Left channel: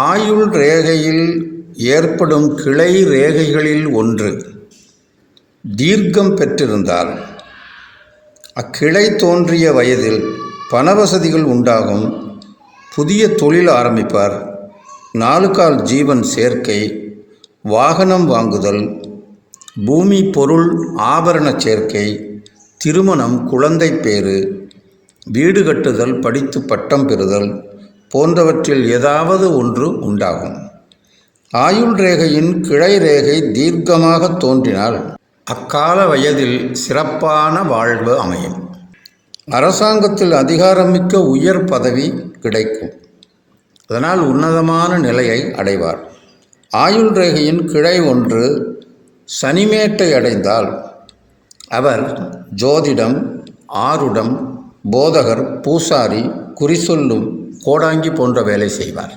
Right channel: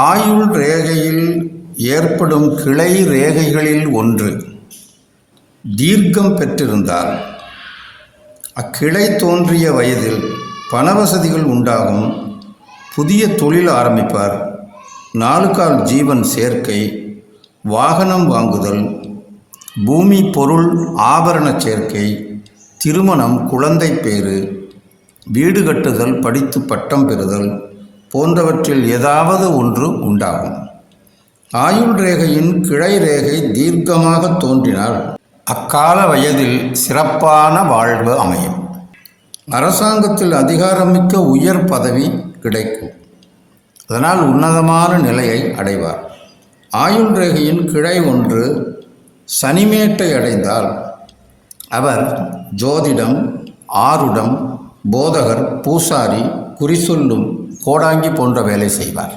ஆயுள் ரேகையில் ஏற்படும் கிளை ரேகைகளில் ஒன்று தீர்க்கம் பெற்றிருந்தால் அக்கிளை தோன்றிய வயதில் பணவசதிகள் உண்டாகும், புதிய தொழில் ஆரம்பிப்பார், 4 கால் ஜீவன் சேர்க்கை, வாகனம் வாங்குதல், பூமி பொருள் ஆபரண சேர்க்கை, திருமணம், குழந்தை பேறு, வீடு கட்டுதல், படித்து பட்டம் பெறுதல் போன்றவற்றில் ஏதாவது ஒன்று உண்டாகும். ஆயுள் ரேகையின் கிளை ரேகை தீர்க்கமாக தோன்றினால் அக்கால வயதில் சிறப்பான வாழ்வு அமையும். அரசாங்கத்தில் அதிகாரமிக்க உயர் பதவி கிடைக்கும். அதனால் உன்னதமான நிலையை அடைவார். ஆயுள் ரேகையின் கிளை ஒன்று சனிமேட்டை அடைந்தால் அவர் ஜோதிடம், ஆருடம், போதகர், பூசாரி, குறிசொல்லும், கோடாங்கி போன்ற வேலை செய்வார்.